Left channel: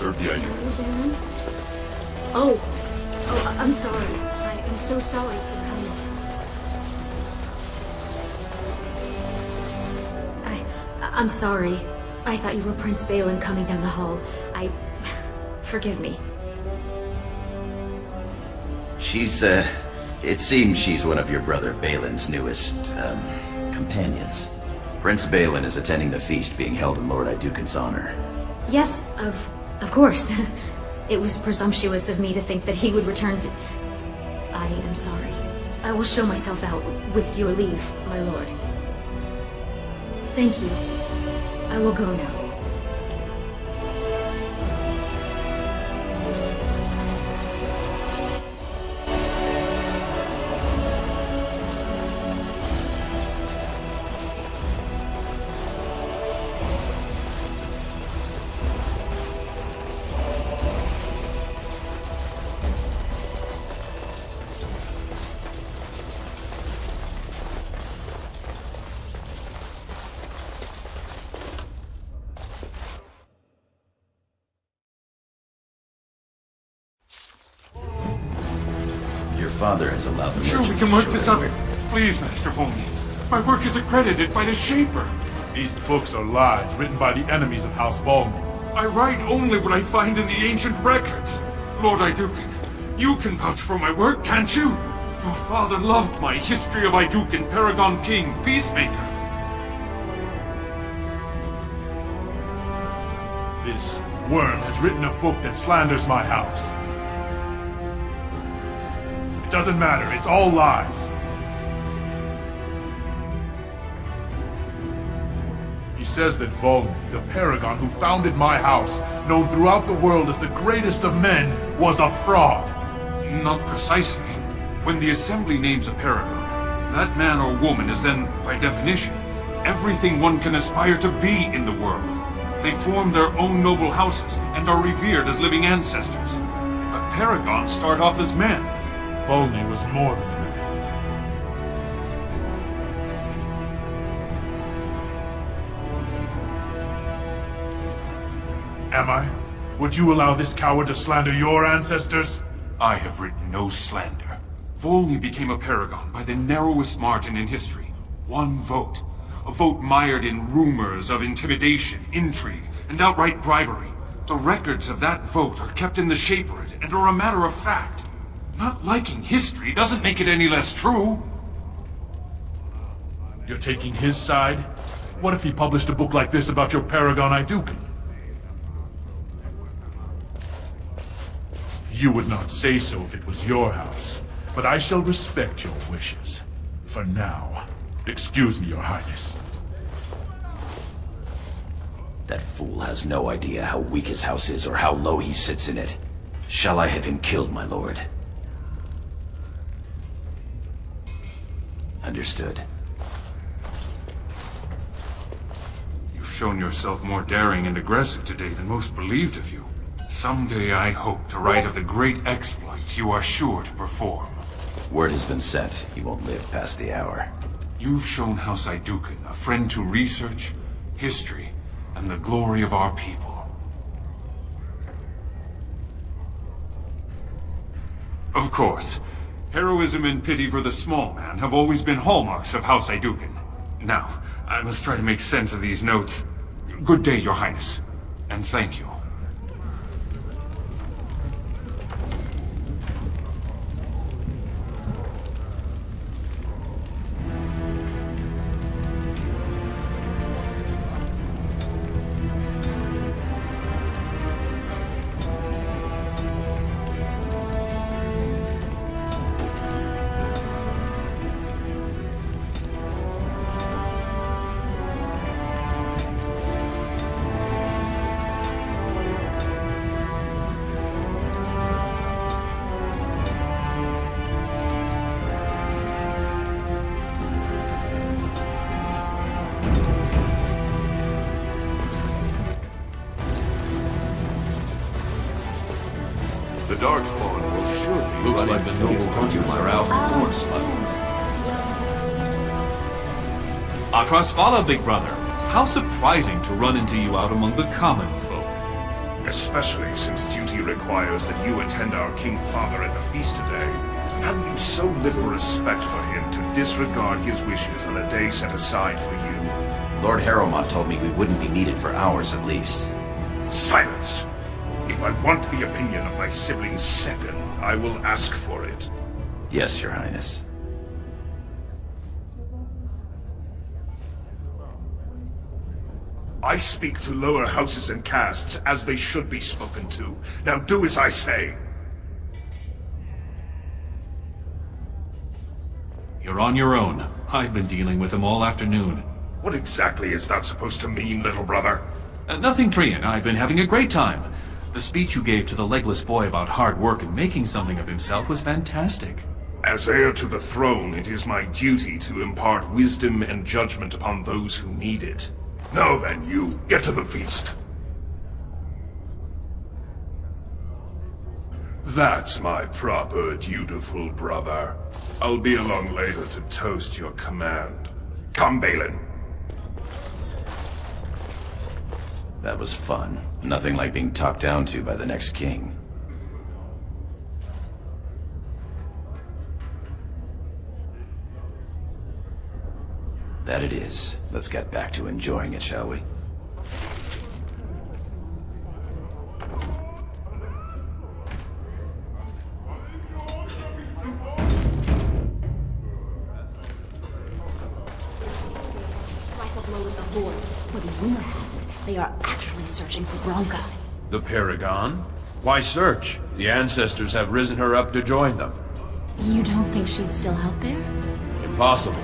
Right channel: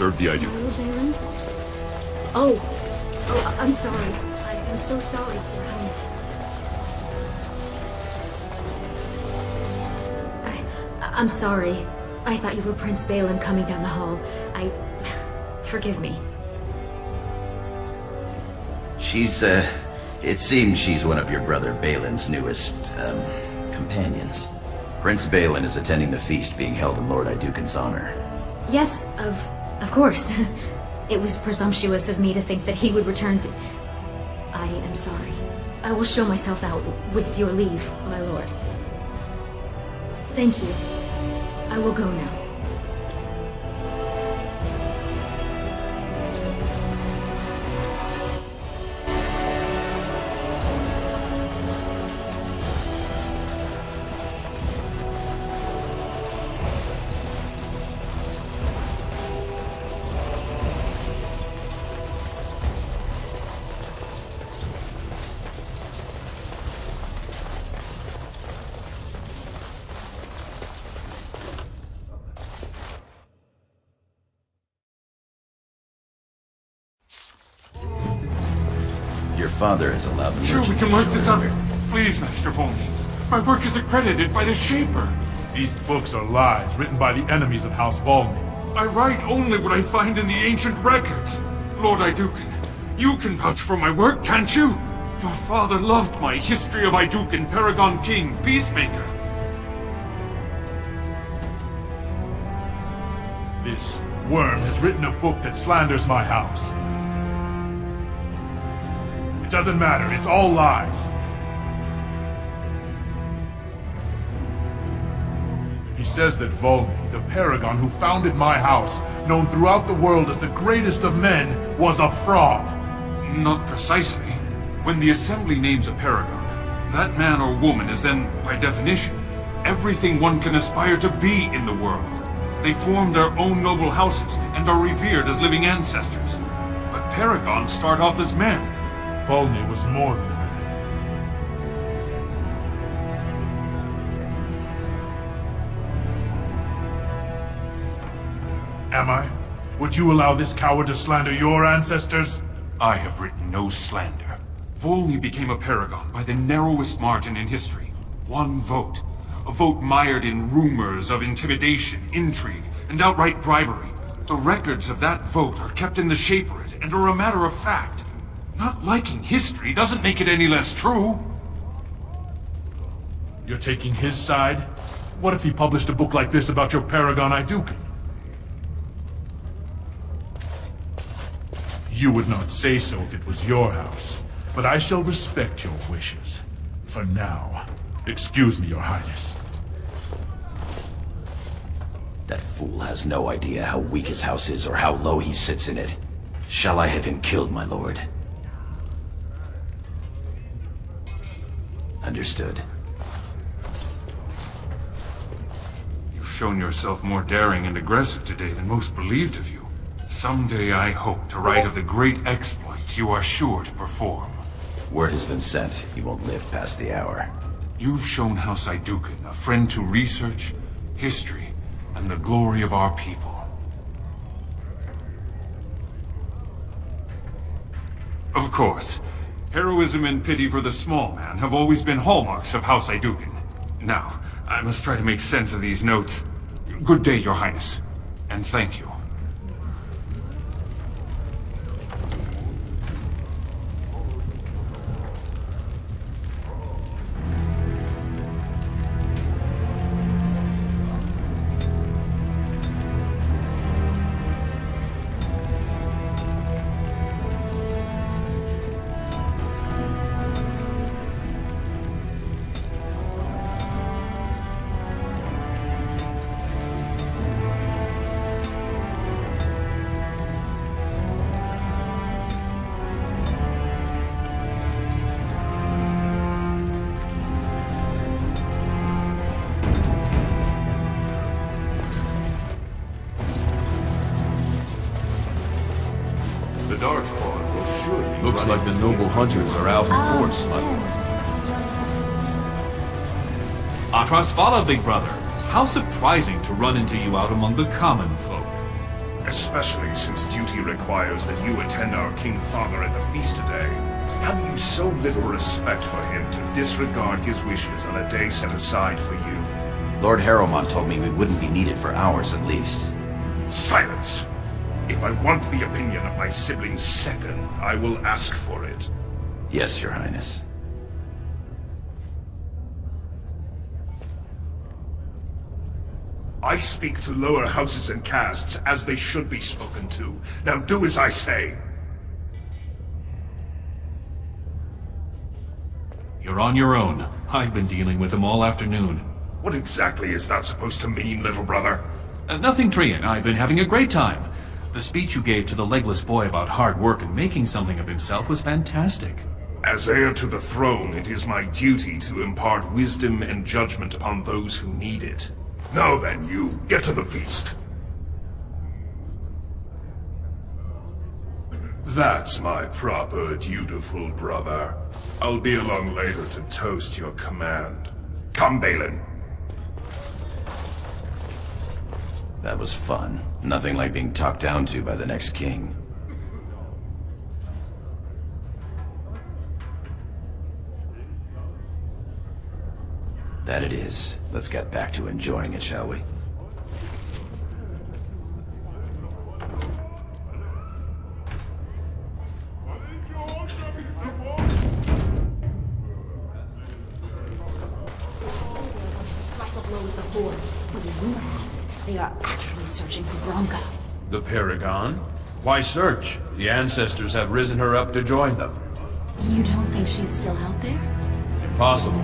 serve the idea. Hello, Balin? I'm sorry. I am so sorry, Your Highness. I'm sorry. I thought you were Prince Balin coming down the hall. Forgive me. It seems she's one of your brother Balin's newest, companions. Prince Balin is attending the feast being held in Lord Iduken's honor. Yes, of course. It was presumptuous of me to think that he would return to... I am sorry. I will show myself out, with your leave, my lord. Thank you. I will go now. Your father has allowed the Sure, we merchants can to work show this their- out. Please, Master Volney. My work is accredited by the Shaper. These books are lies written by the enemies of House Volney. I write only what I find in the ancient records. Lord Iduken, you can vouch for my work, can't you? Your father loved my History of Iduken, Paragon King, Peacemaker. This worm has written a book that slanders my house. It doesn't matter, it's all lies. He says that Volney, the Paragon who founded my house, known throughout the world as the greatest of men, was a fraud. Not precisely. When the Assembly names a Paragon, that man or woman is then, by definition, everything one can aspire to be in the world. They form their own noble houses and are revered as living ancestors. But Paragons start off as men. Volney was more than a man. Am I? Would you allow this coward to slander your ancestors? I have written no slander. Volney became a Paragon by the narrowest margin in history. One vote. A vote mired in rumors of intimidation, intrigue, and outright bribery. The records of that vote are kept in the Shaperate and are a matter of fact. Not liking history doesn't make it any less true. You're taking his side? What if he published a book like this about your Paragon Iduken? You would not say so if it was your house, but I shall respect your wishes. For now, excuse me, Your Highness. That fool has no idea how weak his house is or how low he sits in it. Shall I have him killed, my lord? Understood. You've shown yourself more daring and aggressive today than most believed of you. Someday I hope to write of the great exploits you are sure to perform. Word has been sent. He won't live past the hour. You've shown House Iduken a friend to research, history, and the glory of our people. Of course, heroism and pity for the small man have always been hallmarks of House Iduken. Now, I must try to make sense of these notes. Good day, Your Highness, and thank you. The Darkspawn will surely be Looks running like the through noble hunters are out in force, my lord. Atrasvala, big brother. How surprising to run into you out among the common folk. Especially since duty requires that you attend our King Father at the feast today. Have you so little respect for him to disregard his wishes on a day set aside for you? Lord Harrowmont told me we wouldn't be needed for hours at least. Silence! If I want the opinion of my sibling's second, I will ask for it. Yes, Your Highness. I speak to lower houses and castes as they should be spoken to. Now do as I say. You're on your own. I've been dealing with them all afternoon. What exactly is that supposed to mean, little brother? Nothing, Trian. I've been having a great time. The speech you gave to the legless boy about hard work and making something of himself was fantastic. As heir to the throne, it is my duty to impart wisdom and judgment upon those who need it. Now then, you, get to the feast. That's my proper, dutiful brother. I'll be along later to toast your command. Come, Balin. That was fun. Nothing like being talked down to by the next king. That it is. Let's get back to enjoying it, shall we? But the rumor has it, they are actually searching for Bronca. The Paragon? Why search? The ancestors have risen her up to join them. You don't think she's still out there? Impossible.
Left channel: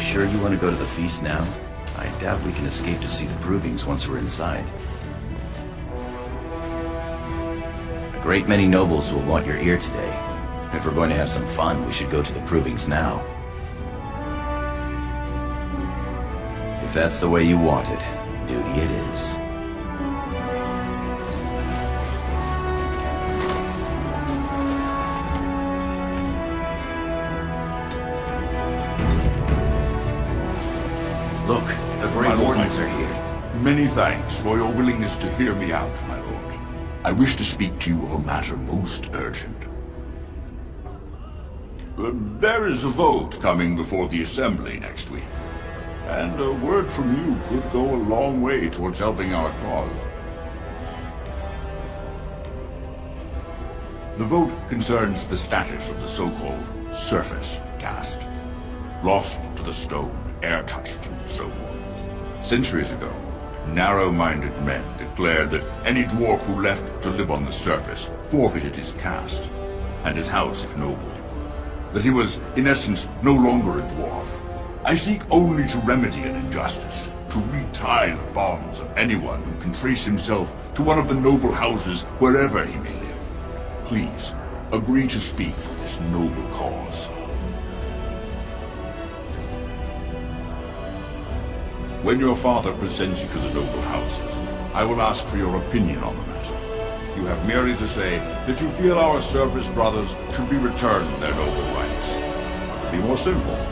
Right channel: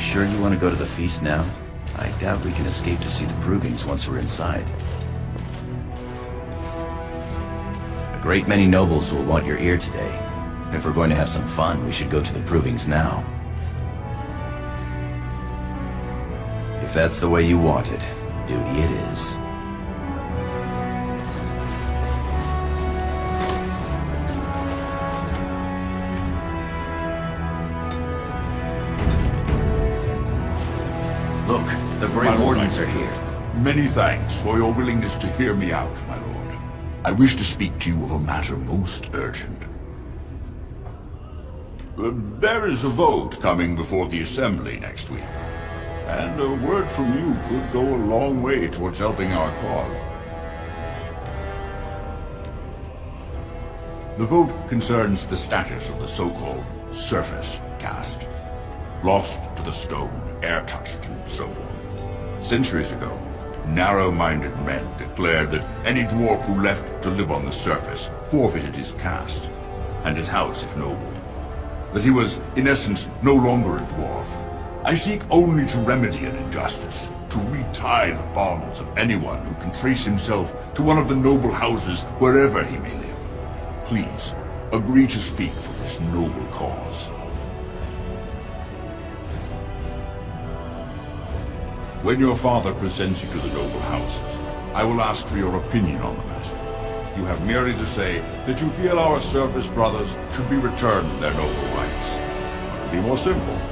Sure you want to go to the feast now? I doubt we can escape to see the provings once we're inside. A great many nobles will want your ear today. If we're going to have some fun, we should go to the provings now. If that's the way you want it, duty it is. Look, the Great Wardens are here. Many thanks for your willingness to hear me out, my lord. I wish to speak to you of a matter most urgent. There is a vote coming before the Assembly next week, and a word from you could go a long way towards helping our cause. The vote concerns the status of the so-called surface caste. Lost to the stone, air-touched, and so forth. Centuries ago, narrow-minded men declared that any dwarf who left to live on the surface forfeited his caste, and his house if noble. That he was, in essence, no longer a dwarf. I seek only to remedy an injustice, to retie the bonds of anyone who can trace himself to one of the noble houses wherever he may live. Please, agree to speak for this noble cause. When your father presents you to the noble houses, I will ask for your opinion on the matter. You have merely to say that you feel our surface brothers should be returned their noble rights. It would be more simple.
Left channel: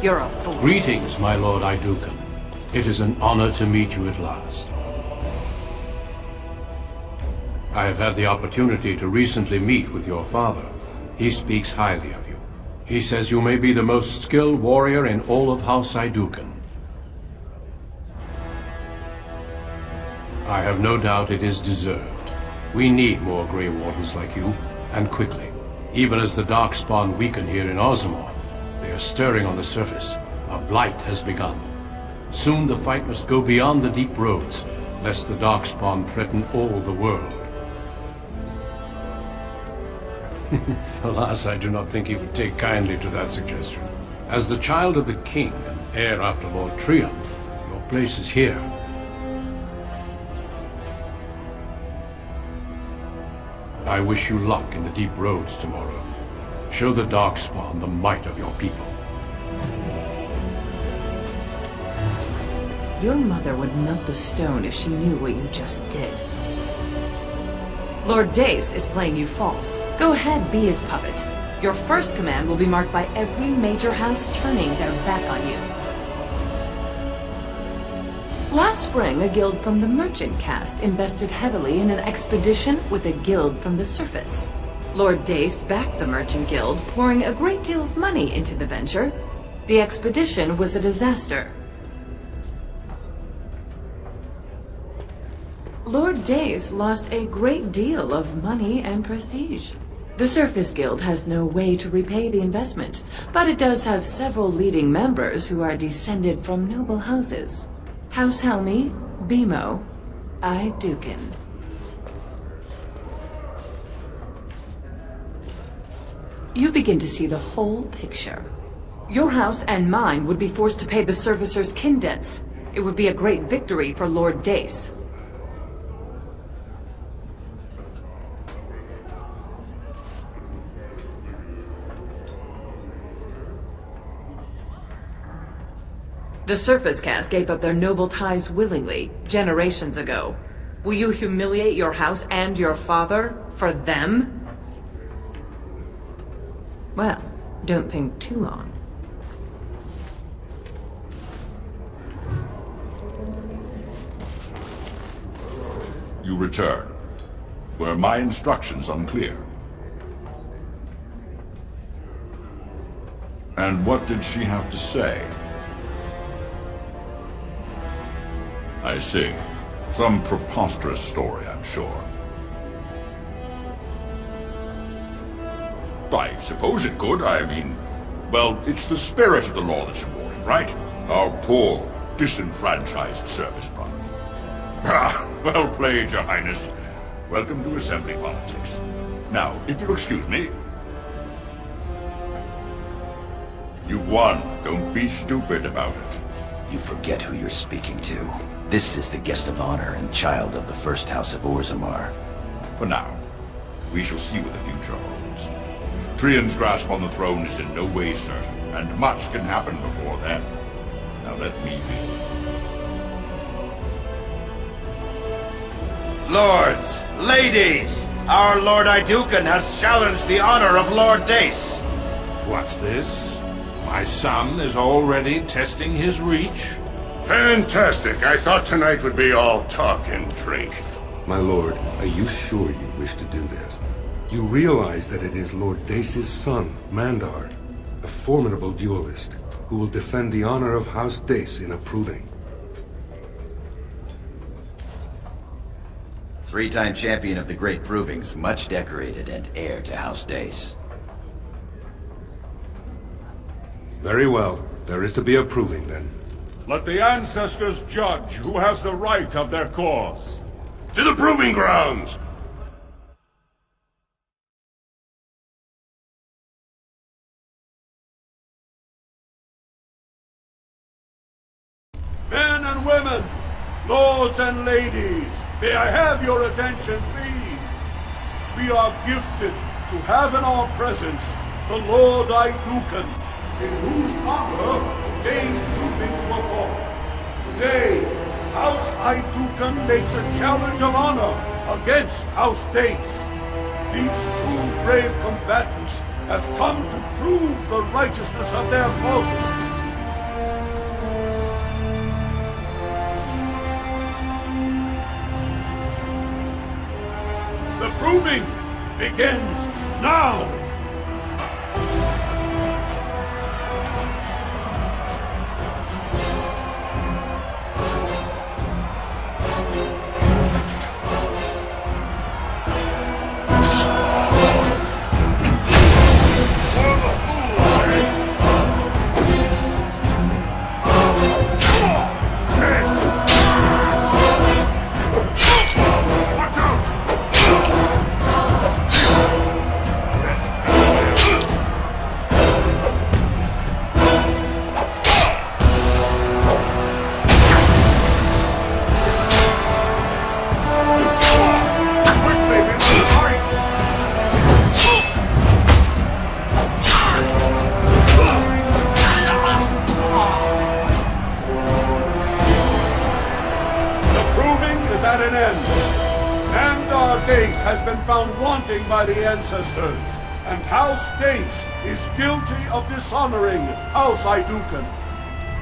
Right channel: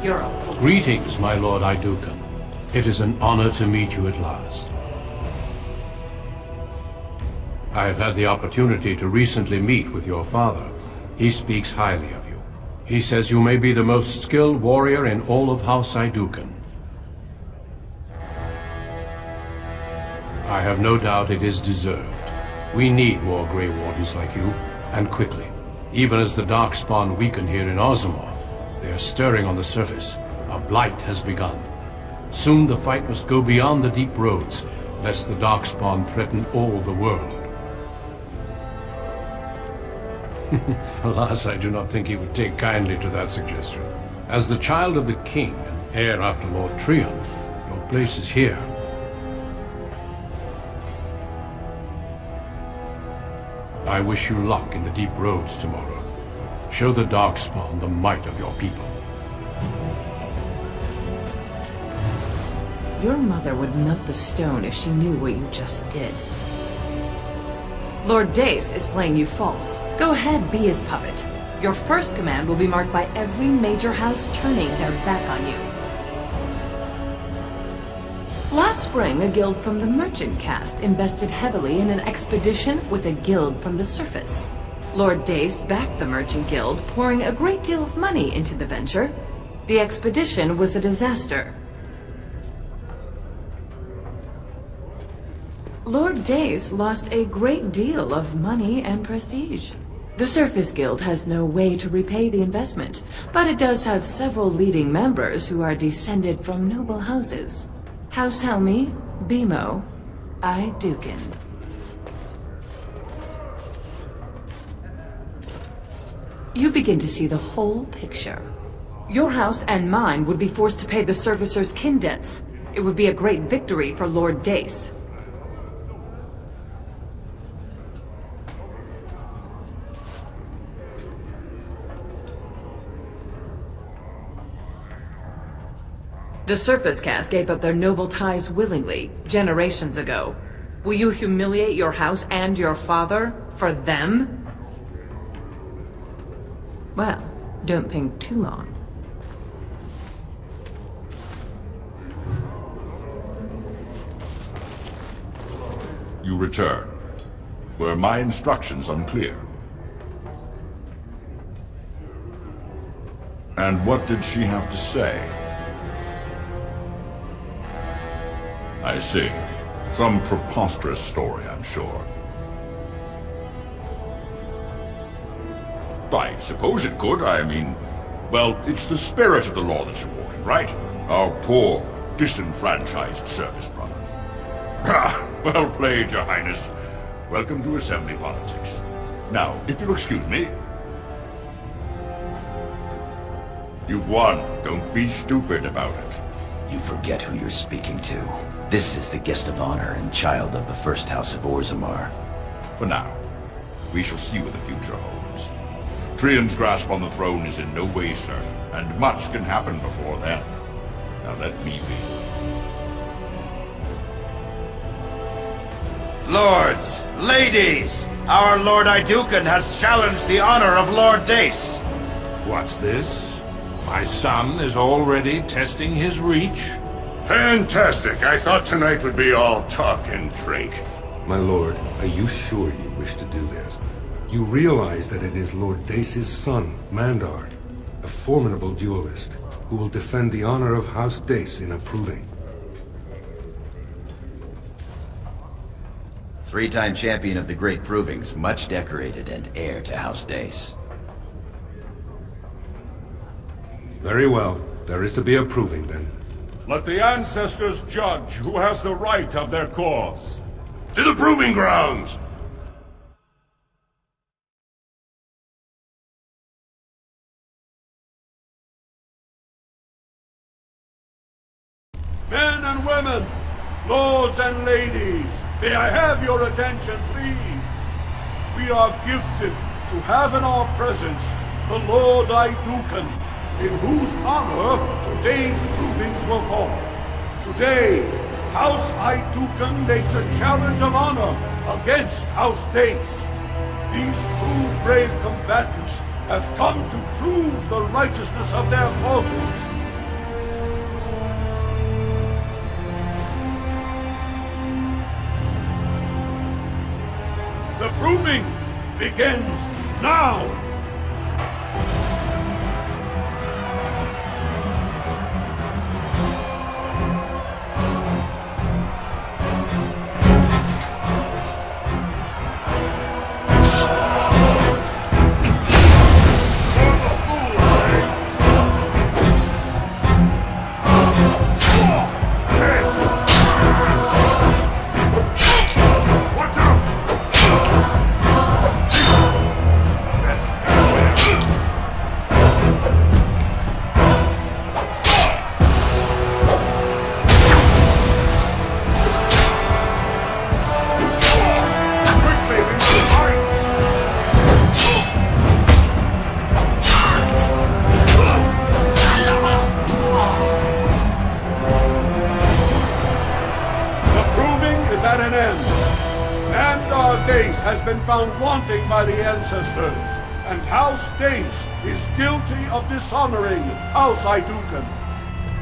You're a fool. Greetings, my lord Idukan. It is an honor to meet you at last. I have had the opportunity to recently meet with your father. He speaks highly of you. He says you may be the most skilled warrior in all of House Idukan. I have no doubt it is deserved. We need more Grey Wardens like you, and quickly. Even as the Darkspawn weaken here in Ozamor, they are stirring on the surface. A blight has begun. Soon the fight must go beyond the deep roads, lest the Darkspawn threaten all the world. Alas, I do not think he would take kindly to that suggestion. As the child of the king and heir after Lord Trion, your place is here. I wish you luck in the deep roads tomorrow. Show the Darkspawn the might of your people. Your mother would melt the stone if she knew what you just did. Lord Dace is playing you false. Go ahead, be his puppet. Your first command will be marked by every major house turning their back on you. Last spring, a guild from the Merchant Caste invested heavily in an expedition with a guild from the surface. Lord Dace backed the Merchant Guild, pouring a great deal of money into the venture. The expedition was a disaster. Lord Dace lost a great deal of money and prestige. The Surface Guild has no way to repay the investment, but it does have several leading members who are descended from noble houses. House Helmi, Bimo, Dukin. You begin to see the whole picture. Your house and mine would be forced to pay the Surfacers' kin debts. It would be a great victory for Lord Dace. The Surface Caste gave up their noble ties willingly, generations ago. Will you humiliate your house and your father for them? Well, don't think too long. You return. Were my instructions unclear? And what did she have to say? I see. Some preposterous story, I'm sure. I suppose it could. I mean, well, it's the spirit of the law that's important, right? Our poor, disenfranchised service brothers. Ah, well played, Your Highness. Welcome to assembly politics. Now, if you'll excuse me. You've won. Don't be stupid about it. You forget who you're speaking to. This is the guest of honor and child of the first house of Orzammar. For now, we shall see what the future holds. Trian's grasp on the throne is in no way certain, and much can happen before then. Now let me be. Lords, ladies, our Lord Idukan has challenged the honor of Lord Dace. What's this? My son is already testing his reach? Fantastic. I thought tonight would be all talk and drink. My lord, are you sure you wish to do this? You realize that it is Lord Dace's son, Mandar, a formidable duelist, who will defend the honor of House Dace in approving. Three-time champion of the Great Provings, much decorated and heir to House Dace. Very well. There is to be a proving, then. Let the ancestors judge who has the right of their cause. To the proving grounds! Men and women, lords and ladies, may I have your attention, please? We are gifted to have in our presence the Lord Idukan, in whose honor today's provings were fought. Today, House Idukan makes a challenge of honor against House Dace. These two brave combatants have come to prove the righteousness of their causes. The proving begins now! Dace has been found wanting by the ancestors, and House Dace is guilty of dishonoring House Iduken.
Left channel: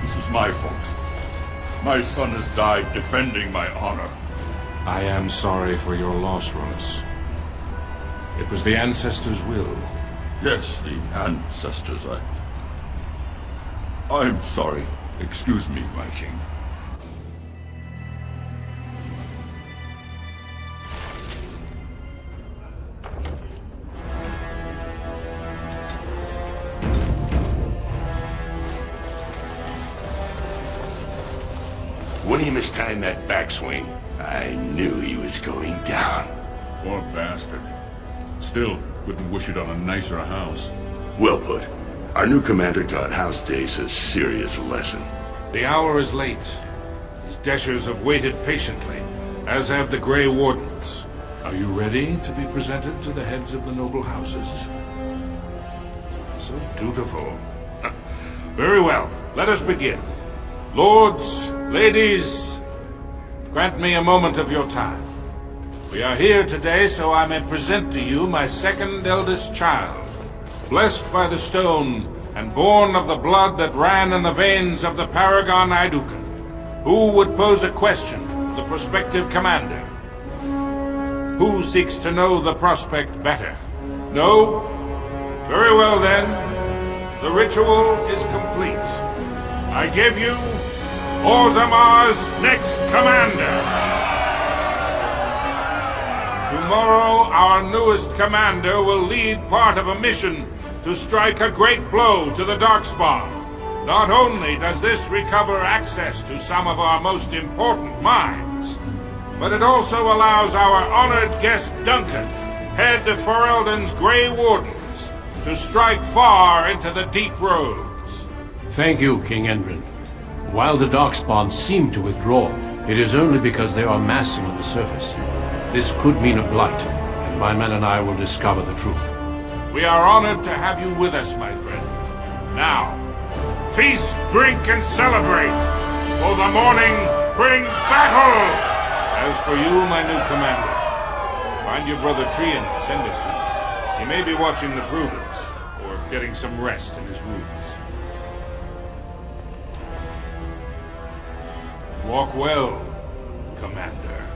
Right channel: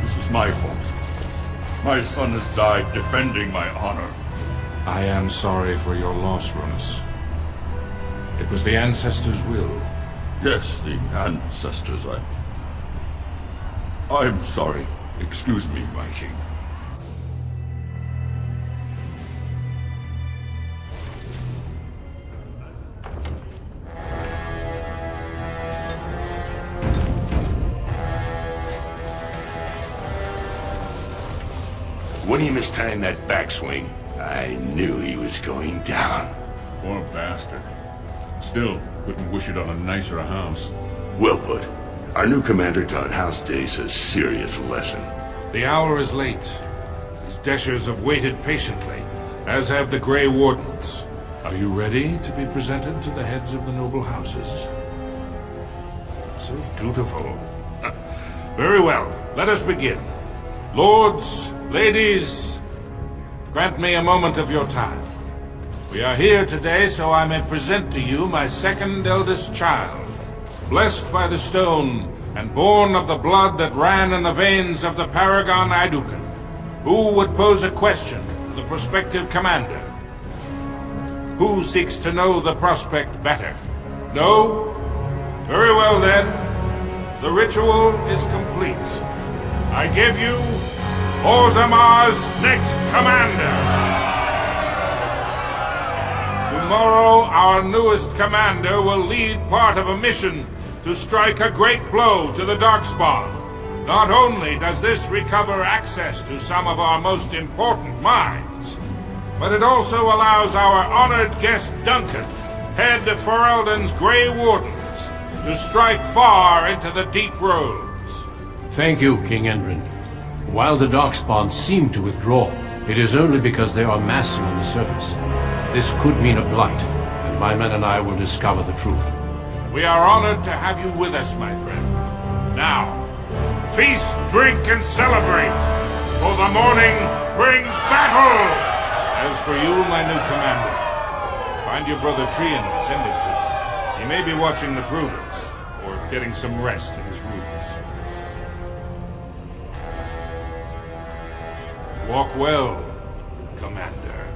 This is my fault. My son has died defending my honor. I am sorry for your loss, Ronus. It was the ancestors' will. Yes, the ancestors. I'm sorry. Excuse me, my king. When he mistimed that backswing, I knew he was going down. Poor bastard. Still, couldn't wish it on a nicer house. Well put. Our new commander taught House Dace a serious lesson. The hour is late. His Deshers have waited patiently, as have the Grey Wardens. Are you ready to be presented to the heads of the noble houses? So dutiful. Very well, let us begin. Lords, ladies, grant me a moment of your time. We are here today so I may present to you my second eldest child, blessed by the stone and born of the blood that ran in the veins of the Paragon Iduken. Who would pose a question to the prospective commander? Who seeks to know the prospect better? No? Very well then. The ritual is complete. I give you Orzammar's next commander. Tomorrow, our newest commander will lead part of a mission to strike a great blow to the Darkspawn. Not only does this recover access to some of our most important mines, but it also allows our honored guest Duncan, head of Ferelden's Grey Wardens, to strike far into the deep roads. Thank you, King Endrin. While the Darkspawn seem to withdraw, it is only because they are massing on the surface. This could mean a blight, and my men and I will discover the truth. We are honored to have you with us, my friend. Now, feast, drink, and celebrate, for the morning brings battle! As for you, my new commander, find your brother Trian and send him to me. He may be watching the Provence, or getting some rest in his rooms. Walk well, Commander.